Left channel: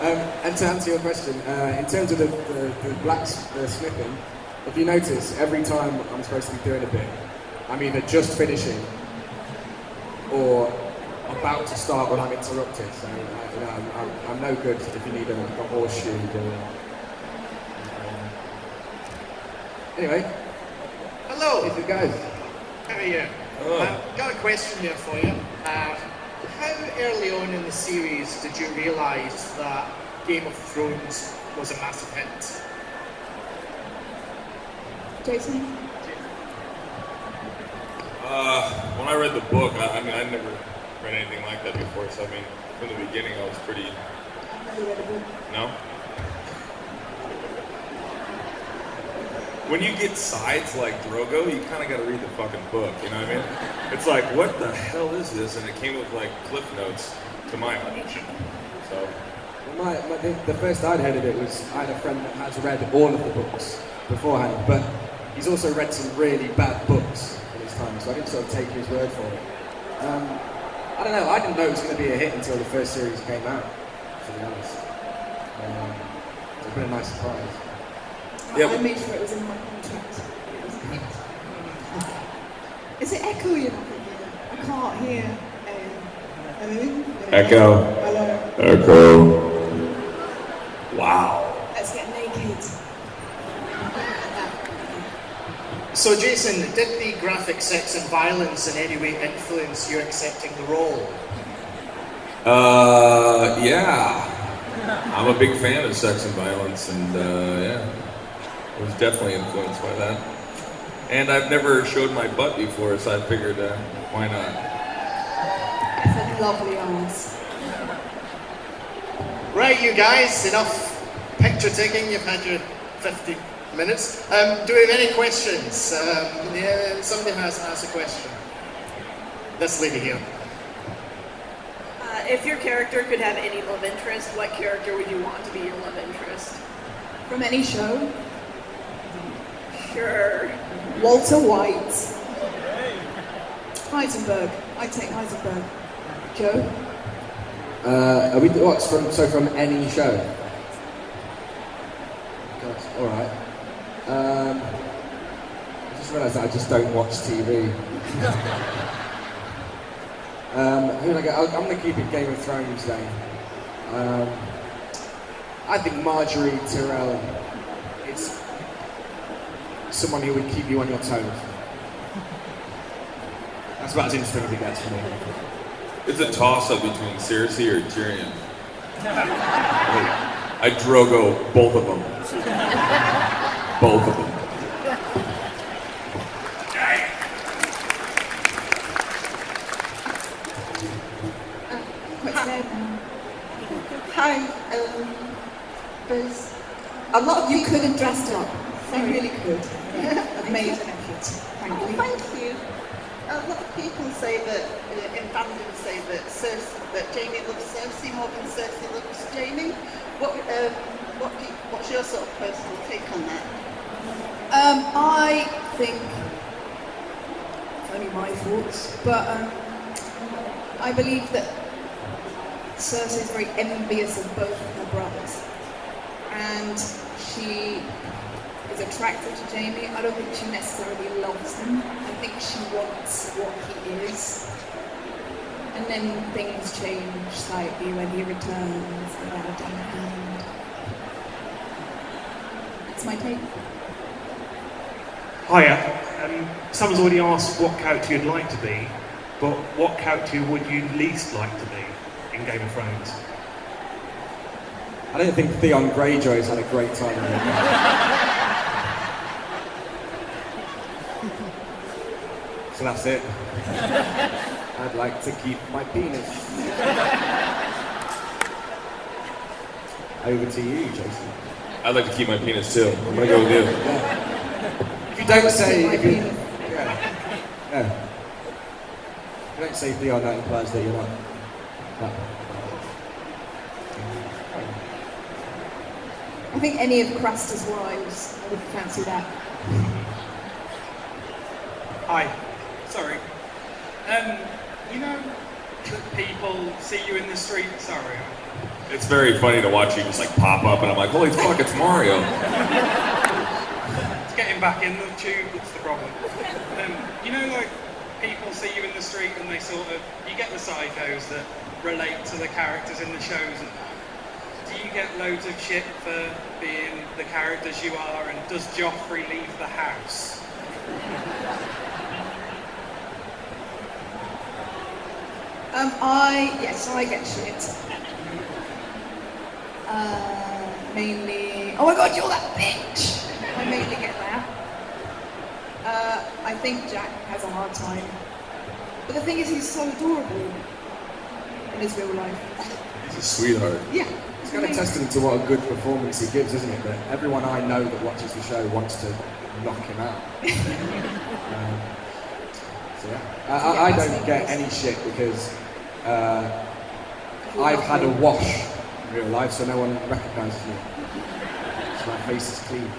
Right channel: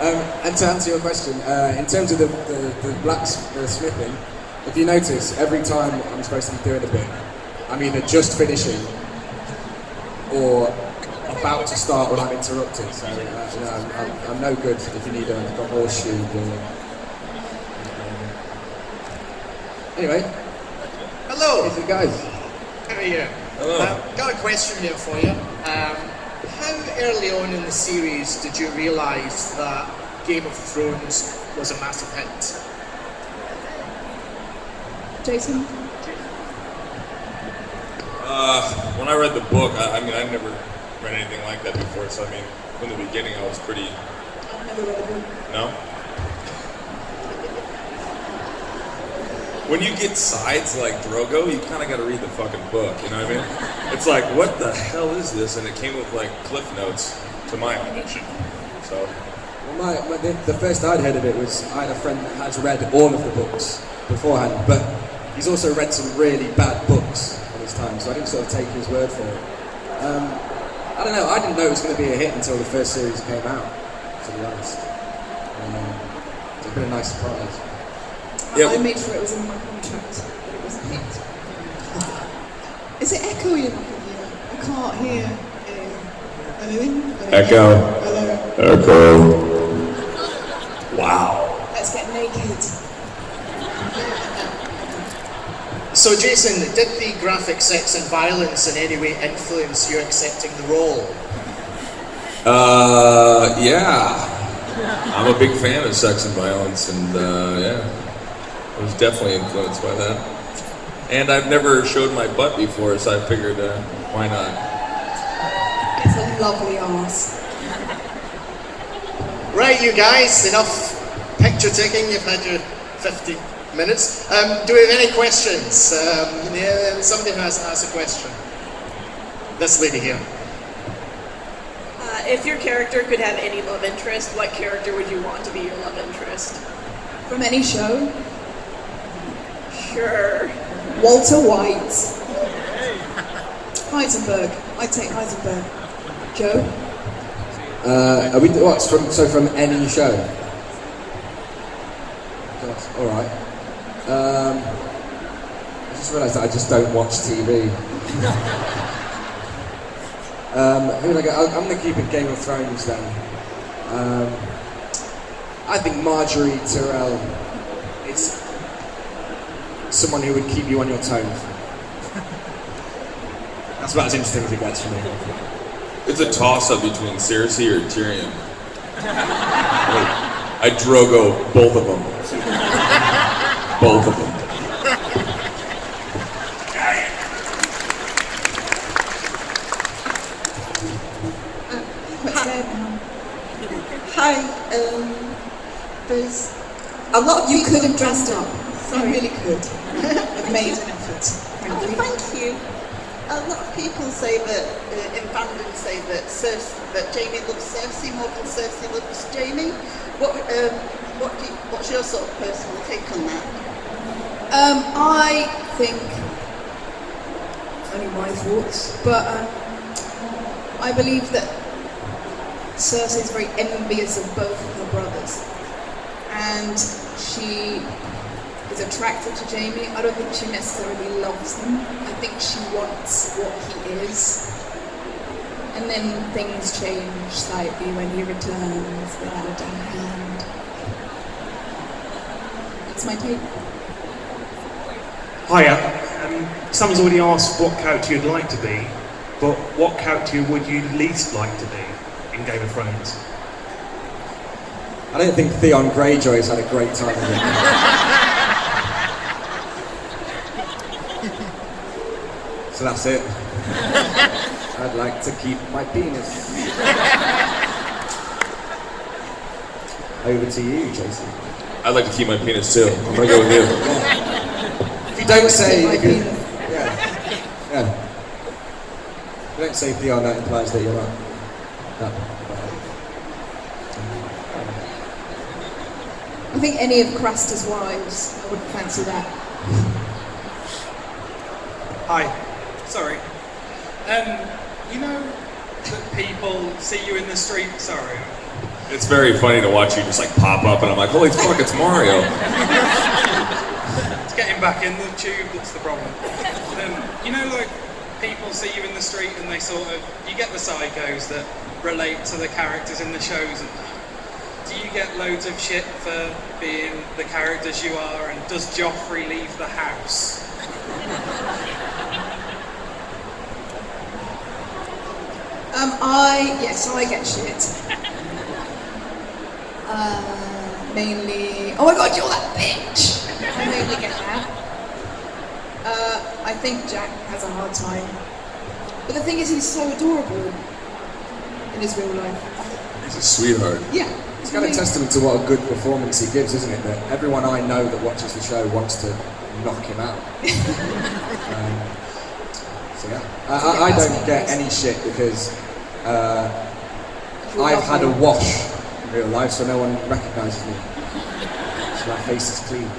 And to answer your question, in terms of the blacksmithing, if you notice, every time I'm supposed to be doing a bit, I'm either just finishing or about to start when I'm interrupted. So I'm no good if you need a horseshoe. Anyway, hello. These are the guys. How are you? Hello. Got a question here for you. How early on in the series did you realise that Game of Thrones was a massive hit? Jason? When I read the book, I mean, I'd never read anything like that before, so I mean, from the beginning I was pretty... I've never read a book. No? When you get sides like Drogo, you kind of got to read the fucking book, you know what I mean? It's like, what the hell is this? And it came with like cliff notes to my audition, so... Well, the first I'd heard of it was, I had a friend that has read all of the books beforehand, but he's also read some really bad books in his time, so I didn't sort of take his word for it. I don't know, I didn't know it was going to be a hit until the first series came out, to be honest. It's been a nice surprise. Yeah, I made sure it was in my contract, but it wasn't hit. Is it echoing? I can't hear anything. Echo. Hello. Echo. Wow. Let's get naked. So Jason, did the graphic sex and violence in any way influence you accepting the role? Yeah. I'm a big fan of sex and violence, and yeah. I was definitely influenced by that. And I've never showed my butt before, so I figured, why not? It's a lovely arse. Right, you guys, enough picture taking. You've had your 50 minutes. Do we have any questions? Yeah, somebody has asked a question. This lady here. If your character could have any love interest, what character would you want to be your love interest? From any show? Sure. Walter White. Heisenberg. I'd take Heisenberg. Joe? Are we from any show? Yes, alright. I just realised that I just don't watch TV. I'm going to keep it Game of Thrones then. I think Marjorie Tyrell is someone who would keep you on your toes. That's about as interesting as it gets for me. It's a toss-up between Cersei or Tyrion. I Drogo both of them. Both of them. Hi, there's a lot of You could have dressed up. You really could. I've Made an effort. Thank you. A lot of people say that, in fandom say that Jamie loves Cersei more than Cersei loves Jamie. What's your sort of personal take on that? I think, only my thoughts, but I believe that Cersei is very envious of both of her brothers, and she is attracted to Jamie. I don't think she necessarily loves him. I think she wants what he is, and then things change slightly when he returns hand in hand. That's my take. Hiya. Someone's already asked what character you'd like to be, but what character would you least like to be in Game of Thrones? I don't think Theon Greyjoy's had a great time with it. So that's it. I'd like to keep my penis. Over to you, Jason. I'd like to keep my penis too. I'm gonna go with you. Yeah. If you don't say, if you don't say Theon, that implies that you're not. I think any of Craster's wives, I would fancy that. Hi, sorry. You know that people see you in the street, sorry. It's very funny to watch you just like pop up, and I'm like, holy fuck, it's Mario. It's getting back in the tube that's the problem. You know, like, people see you in the street and they sort of, you get the psychos that relate to the characters in the shows. And do you get loads of shit for being the characters you are? And does Joffrey leave the house? Yes, I get shit. Mainly, oh my god, you're that bitch! I mainly get that. I think Jack has a hard time. But the thing is, he's so adorable in his real life. He's a sweetheart. Yeah. It's kind of testament to what a good performance he gives, isn't it? That everyone I know that watches the show wants to knock him out. So yeah, I don't get any shit because I've had a wash in real life, so no one recognises me. So my face is clean.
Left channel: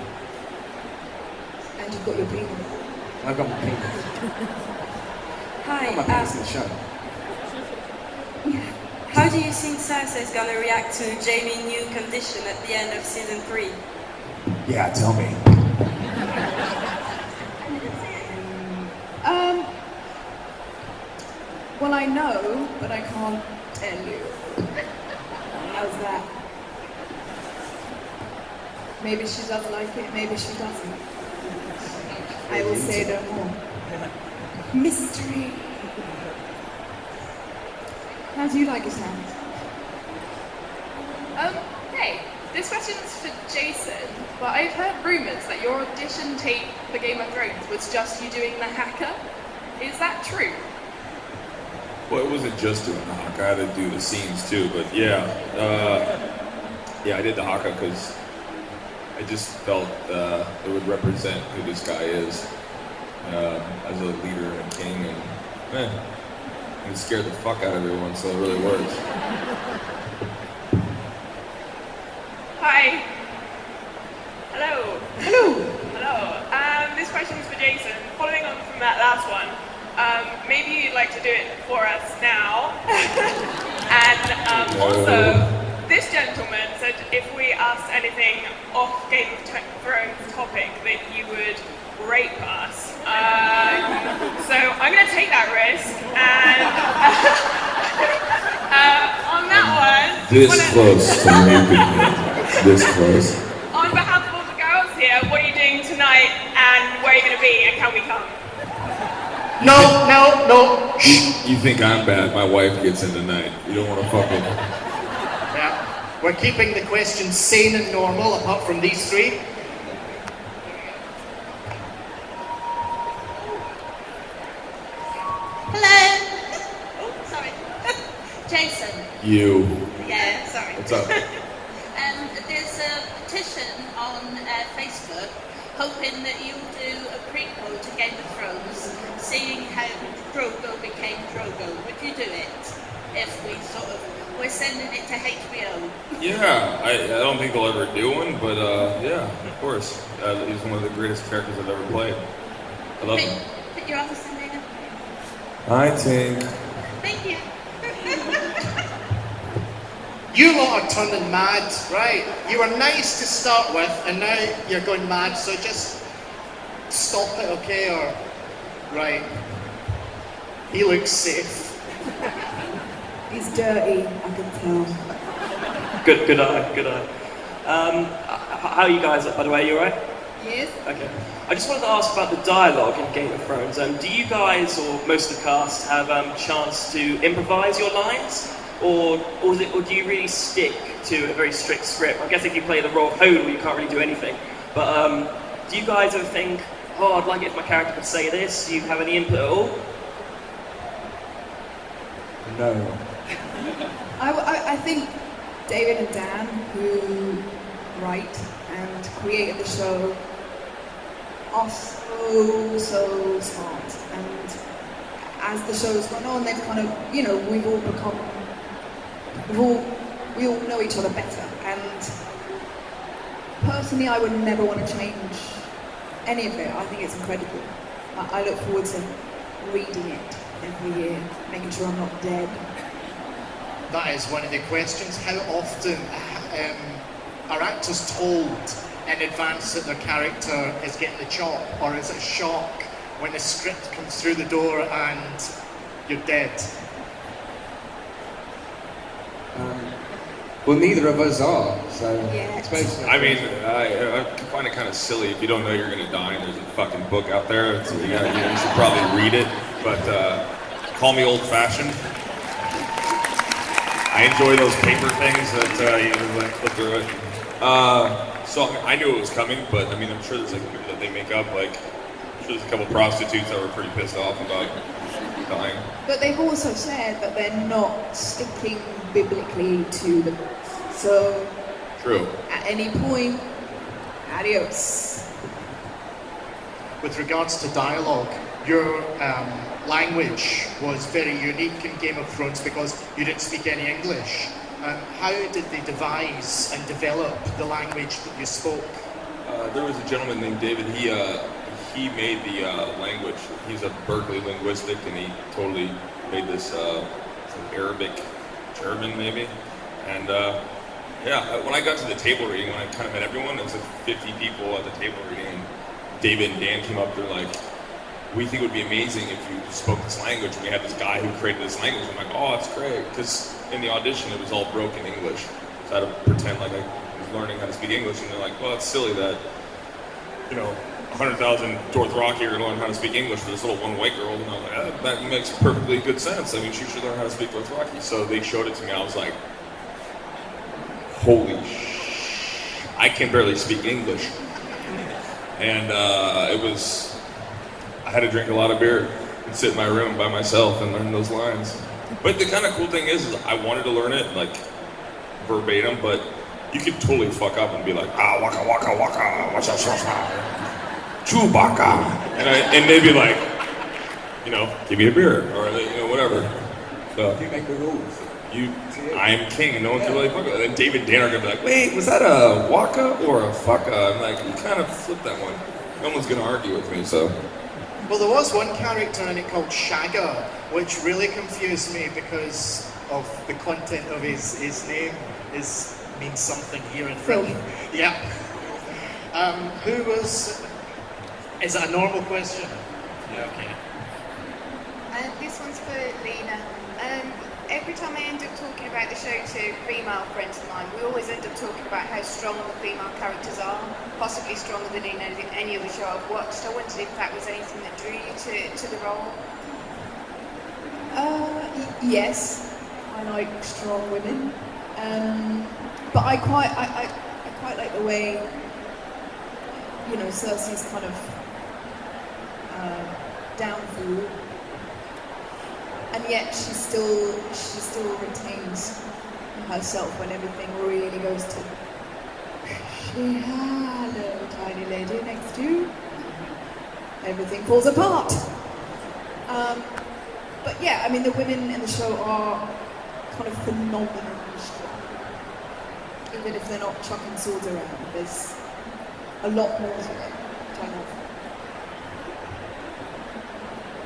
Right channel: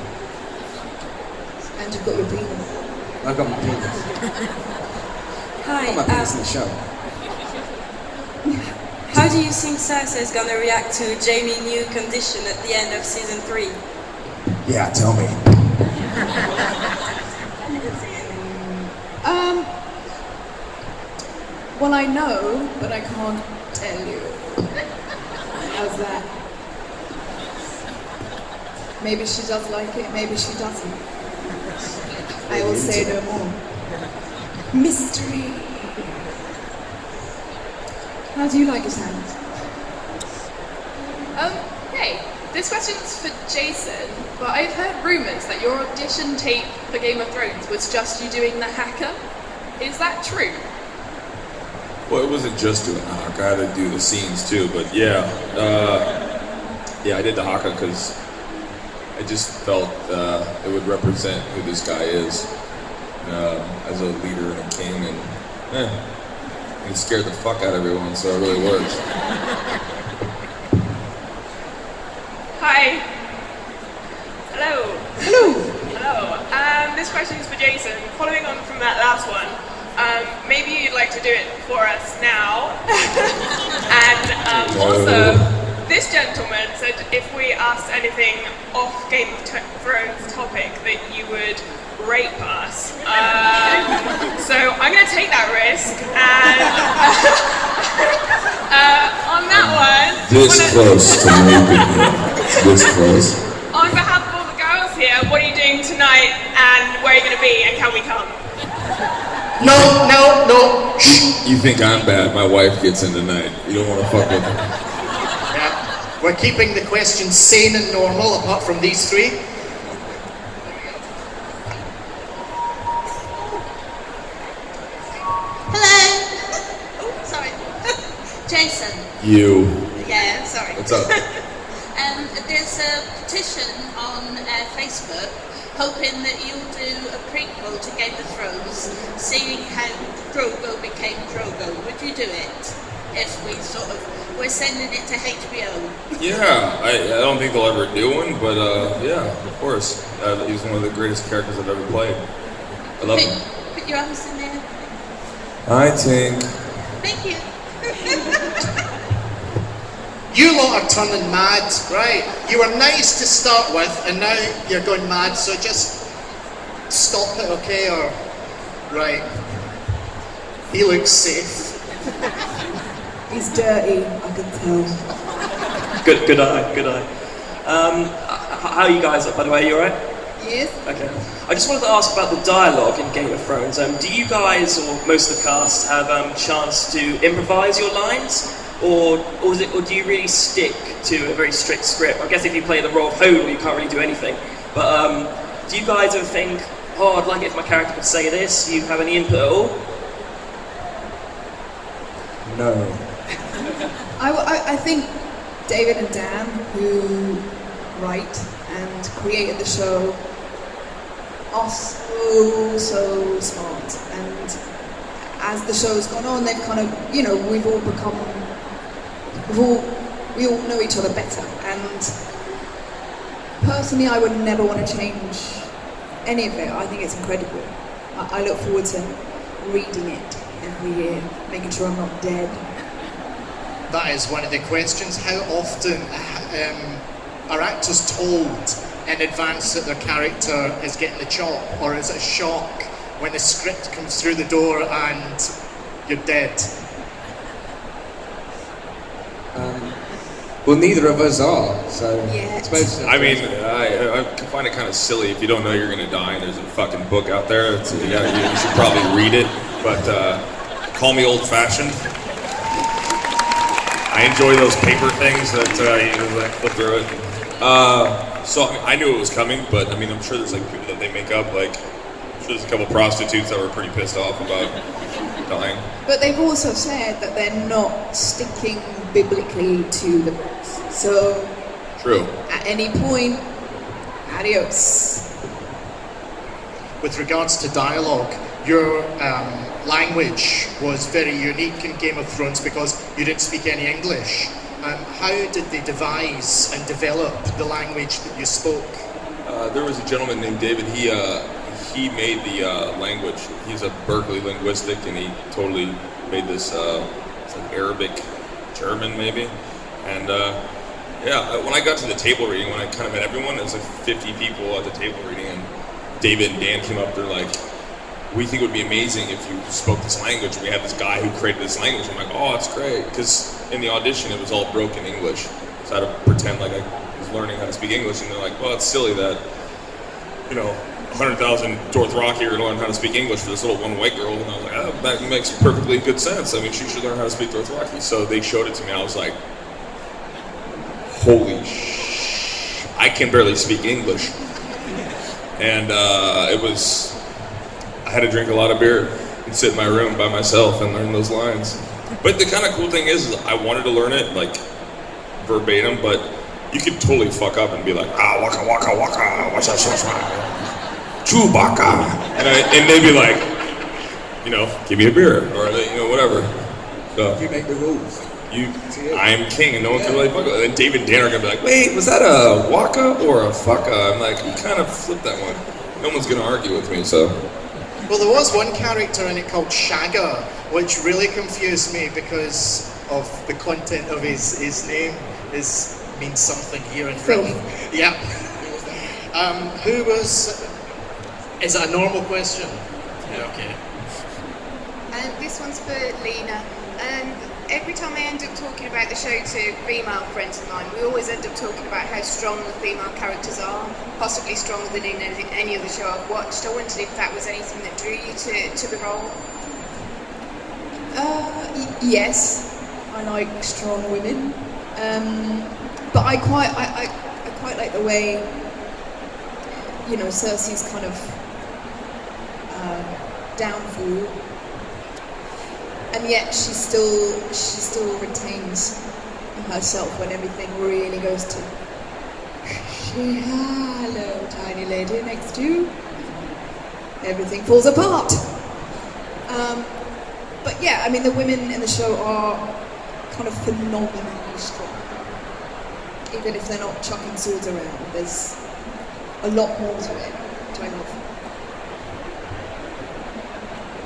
And you've got your penis. I've got my penis. Hi. I've got my penis in the show. How do you think Cersei's gonna react to Jaime's new condition at the end of season 3? Yeah, tell me. Well, I know, but I can't tell you. How's that? Maybe she does like it, maybe she doesn't. I will say no more. Mystery. How do you like his hands? Hey, this question's for Jason, but I've heard rumours that your audition tape for Game of Thrones was just you doing the hacker. Is that true? Well, it wasn't just doing the haka. I had to do the scenes too, but yeah, I did the haka because I just felt it would represent who this guy is as a leader and a king, and yeah, he scared the fuck out of everyone, so it really works. Hi. Hello. Hello. Hello. This question's for Jason. Following on from that last one, maybe you'd like to do it for us now. And also, this gentleman said if we asked anything off Game of Thrones topic that you would rape us. So I'm going to take that risk, and on that one... This close to raping him. This close. On behalf of all the girls here, what are you doing tonight, and where are you going to be, and can we come? No. You think I'm bad? My wife gets in tonight. You don't want to fuck with her. Yeah. We're keeping the questions sane and normal, apart from these three. Hello. Oh, sorry. Jason. You. Yeah, sorry. What's up? There's a petition on Facebook hoping that you'll do a prequel to Game of Thrones, seeing how Drogo became Drogo. Would you do it? If we're sending it to HBO. Yeah, I don't think they'll ever do one, but yeah, of course. He's one of the greatest characters I've ever played. I love him. Put your arms in there. I think. Thank you. You lot are turning mad, right? You were nice to start with, and now you're going mad, so just stop it, okay? Or, right. He looks safe. He's dirty, I can tell. Good eye. How are you guys up, by the way? You alright? Yes? Okay. I just wanted to ask about the dialogue in Game of Thrones. Do you guys, or most of the cast, have a chance to improvise your lines? Or do you really stick to a very strict script? I guess if you play the role of Hodel, you can't really do anything. But do you guys ever think, oh, I'd like it if my character could say this? Do you have any input at all? No. I think David and Dan, who write and created the show, are so smart. And as the show's gone on, they've kind of, we all know each other better. And personally, I would never want to change any of it. I think it's incredible. I look forward to reading it every year, making sure I'm not dead. that is one of the questions. How often are actors told in advance that their character is getting the chop, or is it a shock when the script comes through the door and you're dead? Well, neither of us are, so Yeah. I suppose. I mean, I find it kind of silly if you don't know you're going to die and there's a fucking book out there. You should probably read it, but call me old-fashioned. I enjoy those paper things that you flip through it. So I knew it was coming, but I mean, I'm sure there's like people that they make up. Like, I'm sure there's a couple of prostitutes that were pretty pissed off about dying. But they've also said that they're not sticking biblically to the books. So, True. at any point, adios. With regards to dialogue, your language was very unique in Game of Thrones because you didn't speak any English. How did they devise and develop the language that you spoke? There was a gentleman named David. He made the language. He's a Berkeley linguistic, and he totally made this some Arabic, German maybe. And when I got to the table reading, when I kind of met everyone, there was like 50 people at the table reading, and David and Dan came up. They're like, "We think it would be amazing if you spoke this language." And we had this guy who created this language. I'm like, "Oh, it's great," because in the audition it was all broken English, so I had to pretend like I was learning how to speak English. And they're like, "Well, it's silly that 100,000 Dothraki are going to learn how to speak English for this little one white girl." And I was like, "Oh, that makes perfectly good sense. I mean, she should learn how to speak Dothraki." So they showed it to me, and I was like, "Holy I can barely speak English." And I had to drink a lot of beer and sit in my room by myself and learn those lines. But the kind of cool thing is I wanted to learn it like verbatim, but you could totally fuck up and be like, waka waka waka, what's that, Chewbacca, and they'd be like, give me a beer, or whatever. So, You make the rules. I am king, and no one can really fuck up. And David and Dan are gonna be like, wait, was that a waka or a fucka? I'm like, you kind of flipped that one. No one's gonna argue with me, so. Well, there was one character in it called Shagger, which really confused me because of the content of his name. Means something here in Film. Yeah. Is that a normal question? Yeah, okay. This one's for Lena. Every time I end up talking about the show to female friends of mine, we always end up talking about how strong the female characters are, possibly stronger than in any other show I've watched. I wondered if that was anything that drew you to the role. Yes, I like strong women, but I quite like the way Cersei's kind of downfall, and yet she still retains herself when everything really goes to hello, tiny lady next to you. Everything falls apart. But yeah, I mean, the women in the show are kind of phenomenally strong. Even if they're not chucking swords around, there's a lot more to it, which I love.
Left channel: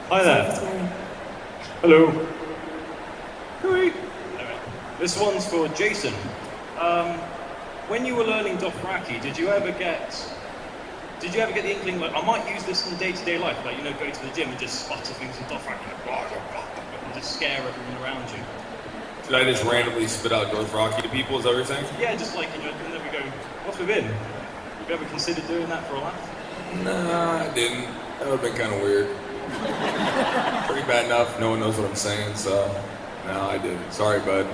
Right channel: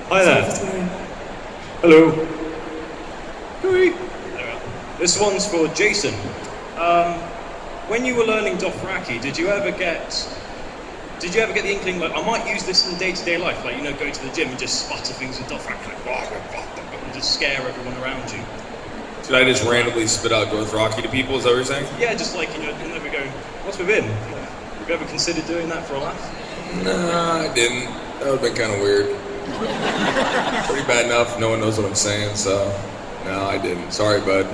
Hi there. Hello. Anyway, this one's for Jason. When you were learning Dothraki, did you ever get the inkling, like, I might use this in day-to-day life, like, go to the gym and just sputter things with Dothraki, and just scare everyone around you? Should I just randomly spit out Dothraki to people, is that what you're saying? Yeah, just like, and then we go, what's with him? Have you ever considered doing that for a laugh? No, I didn't. That would have been kind of weird. Pretty bad enough, no one knows what I'm saying, so no, I didn't. Sorry, bud.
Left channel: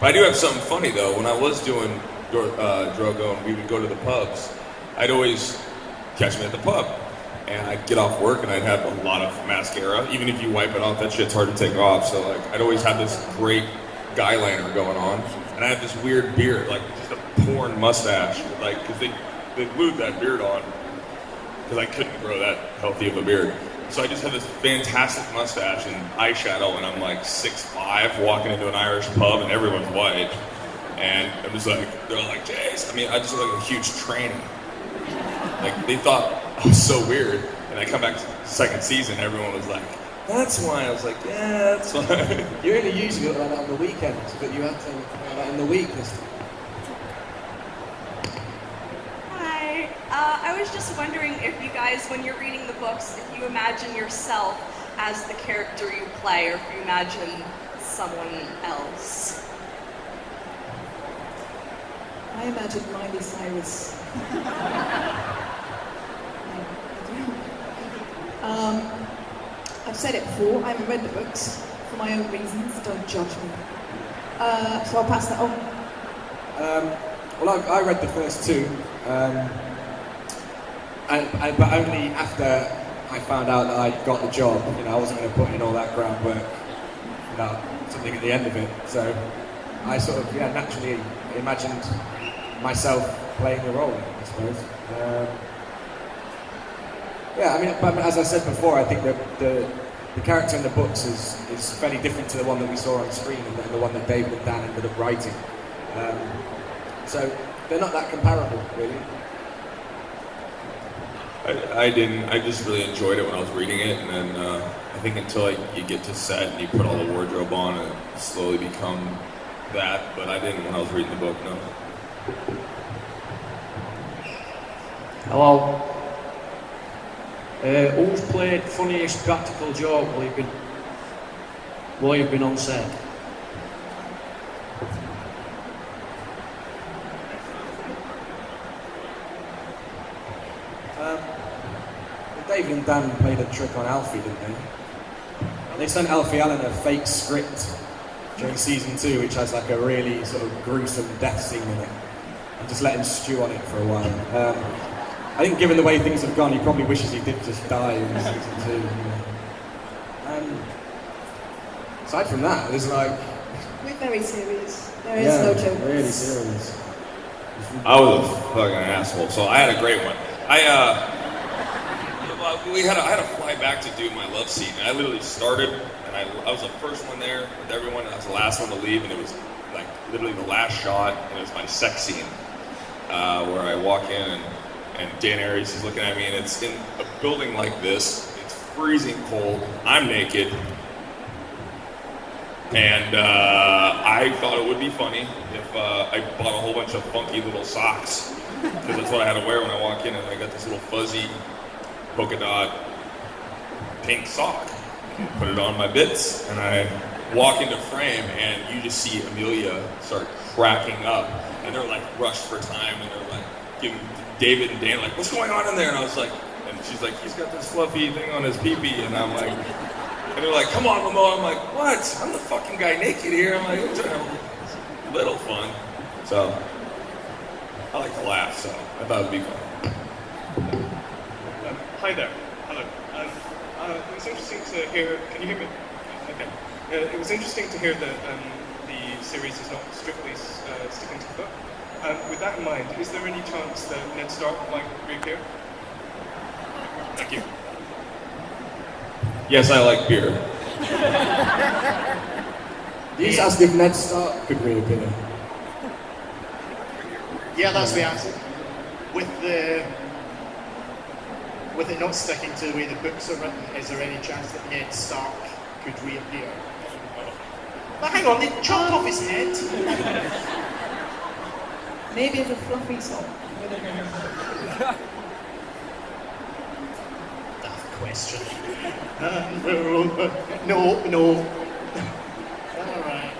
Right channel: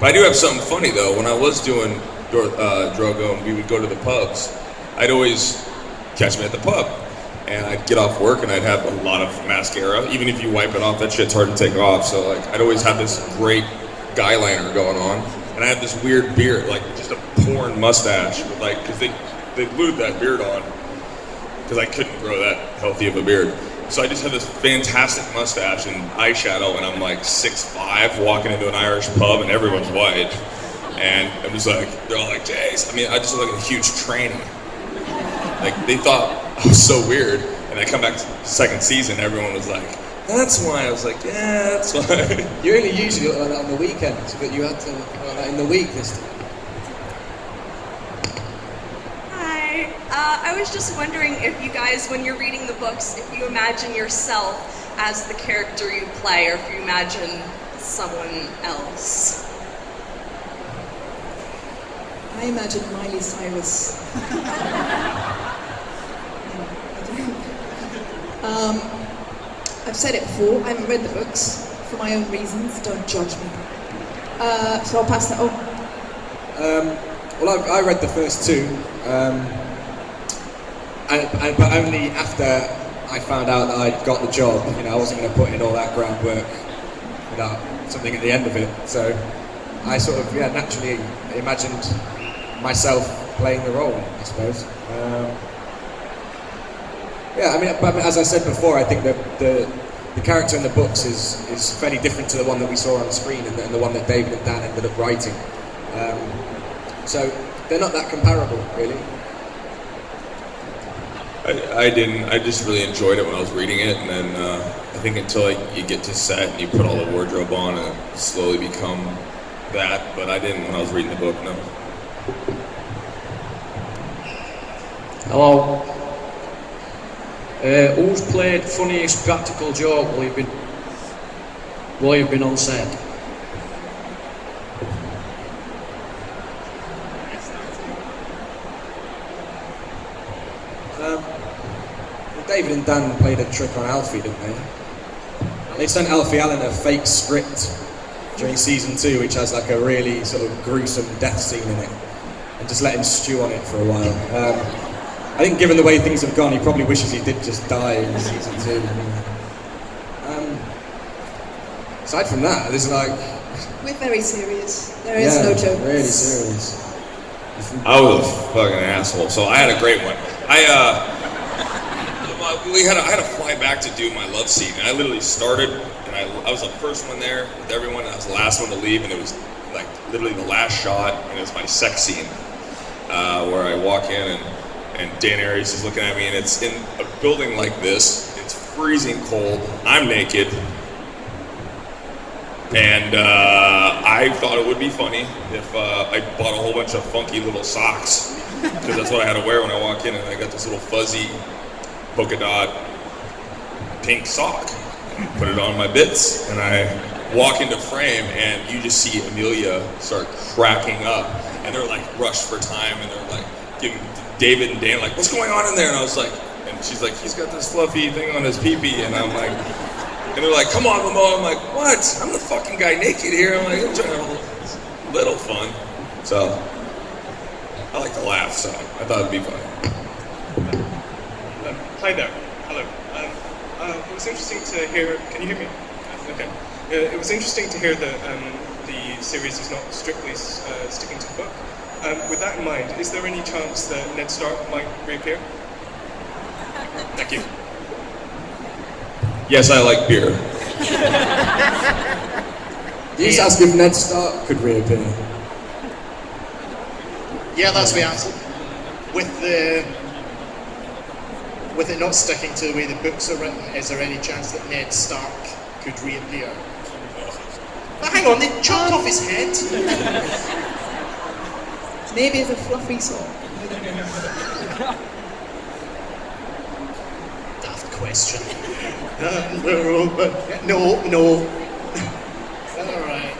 But I do have something funny, though. When I was doing Drogo and we would go to the pubs, I'd always catch me at the pub. And I'd get off work and I'd have a lot of mascara. Even if you wipe it off, that shit's hard to take off. So, like, I'd always have this great guy liner going on. And I had this weird beard, like just a porn mustache, like, because they glued that beard on because I couldn't grow that healthy of a beard. So I just had this fantastic mustache and eyeshadow, and I'm like 6'5", walking into an Irish pub, and everyone's white. And I'm just like, they're all like, Jace. I mean, I just look like a huge tranny. Like, they thought I was so weird. And I come back to the second season, everyone was like, That's why I was like, yeah, that's why. You only usually look like that on the weekends, but you had to look like that in the week this time. Hi. I was just wondering if you guys, when you're reading the books, if you imagine yourself as the character you play, or if you imagine someone else. I imagine Miley Cyrus. I've said it before, I haven't read the books for my own reasons, don't judge me. So I'll pass that on. Well, I read the first two, but only after I found out that I got the job. You know, I wasn't going to put in all that groundwork without something at the end of it. So I sort of, naturally imagined myself playing the role, I suppose. But as I said before, I think that the character in the books is fairly different to the one that we saw on the screen and the one that David and Dan ended up writing. So they're not that comparable, really. I just really enjoyed it when I was reading it, and then I think until you get to set and you put all the wardrobe on, and it slowly become that. But I didn't when I was reading the book. No. Hello. Who's played funniest practical joke while you've been on set? David and Dan played a trick on Alfie, didn't they? They sent Alfie Allen a fake script during season 2, which has like a really sort of gruesome death scene in it, and just let him stew on it for a while. I think given the way things have gone, he probably wishes he did just die in season 2. Aside from that, there's like... We're very serious. There is no joke. Really serious. I was a fucking asshole. So I had a great one. I had to fly back to do my love scene, and I literally started, and I was the first one there with everyone, and I was the last one to leave, and it was like literally the last shot, and it was my sex scene, where I walk in and Dan Aries is looking at me, and it's in a building like this. It's freezing cold. I'm naked, and I thought it would be funny if I bought a whole bunch of funky little socks, because that's what I had to wear when I walk in, and I got this little fuzzy polka dot pink sock. Put it on my bits, and I walk into frame, and you just see Amelia start cracking up, and they're like rushed for time, and they're like giving David and Dan like, what's going on in there? And I was like, and she's like, he's got this fluffy thing on his pee-pee, and I'm like, and they're like, come on, Mamoa. I'm like, what? I'm the fucking guy naked here. I'm like, I'm trying to have a little fun. So I like to laugh, so I thought it'd be funny. Hi there. Hello. It was interesting to hear. Can you hear me? Okay. It was interesting to hear that the series is not strictly sticking to the book. With that in mind, is there any chance that Ned Stark might reappear? Thank you. Yes, I like beer. You just asked if Ned Stark could reappear. Yeah, that's the answer. With it not sticking to the way the books are written, is there any chance that Ned Stark could reappear? But hang on, they chopped off his head. Maybe it's a fluffy sock. Daft question. No. Alright.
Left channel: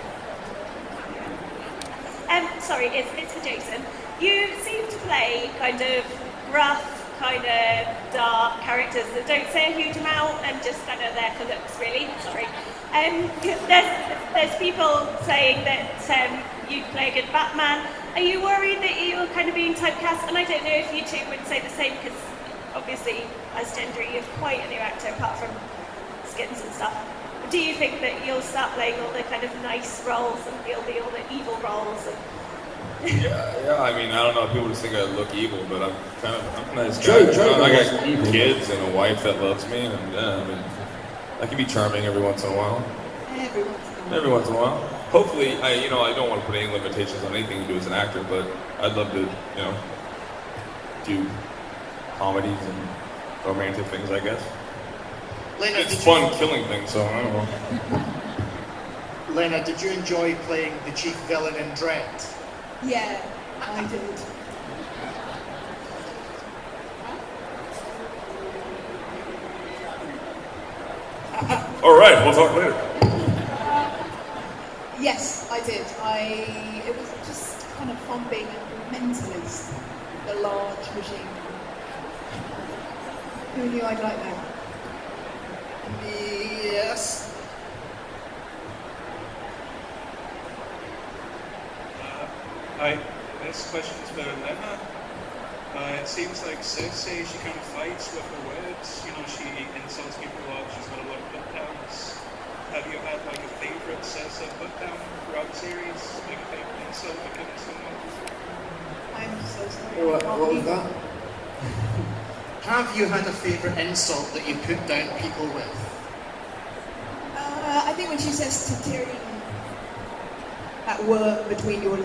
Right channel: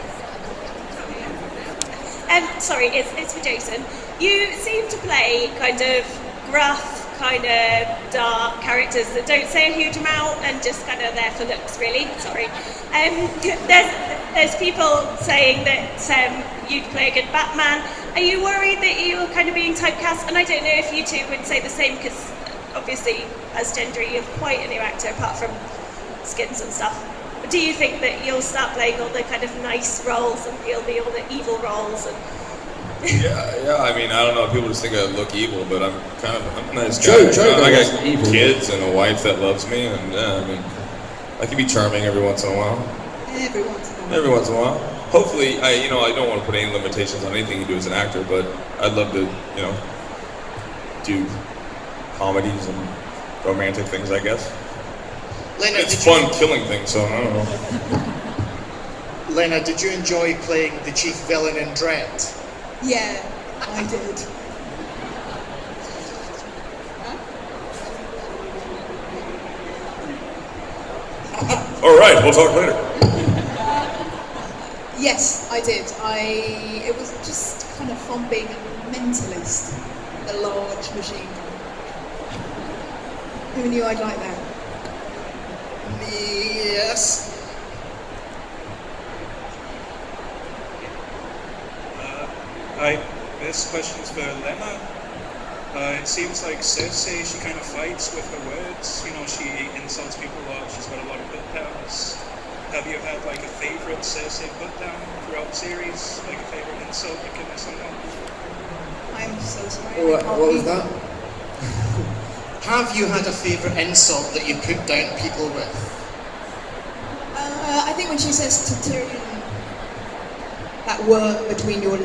Sorry, it's for Jason. You seem to play kind of gruff, kind of dark characters that don't say a huge amount and just kind of there for looks, really. Sorry. There's people saying that you'd play a good Batman. Are you worried that you're kind of being typecast? And I don't know if you two would say the same, because obviously as Gendry you're quite a new actor apart from skins and stuff. Do you think that you'll start playing all the kind of nice roles and you'll be all the evil roles? And Yeah, I mean, I don't know, people just think I look evil, but I'm a nice guy. I got kids and a wife that loves me, and I mean, I can be charming every once in a while. Every once in a while. Hopefully, I don't want to put any limitations on anything you do as an actor, but I'd love to, do comedies and romantic things, I guess. Lena, It's fun killing things, so I don't know. Lena, did you enjoy playing the chief villain in Dread? Yeah, I did. All right, we'll talk later. Yes, I did. It was just kind of fun being a mentalist, a large machine. Who knew I'd like that? Yes. Hi, this question's for Lena. It seems like Cersei, she kind of fights with her words. You know, she insults people a lot. She's got a lot of put downs. Have you had like a favourite Cersei put down throughout the series? Like a favourite insult you've given someone? I'm so sorry. What was that? Have you had a favourite insult that you put down people with? I think when she says to Tyrion, that word between your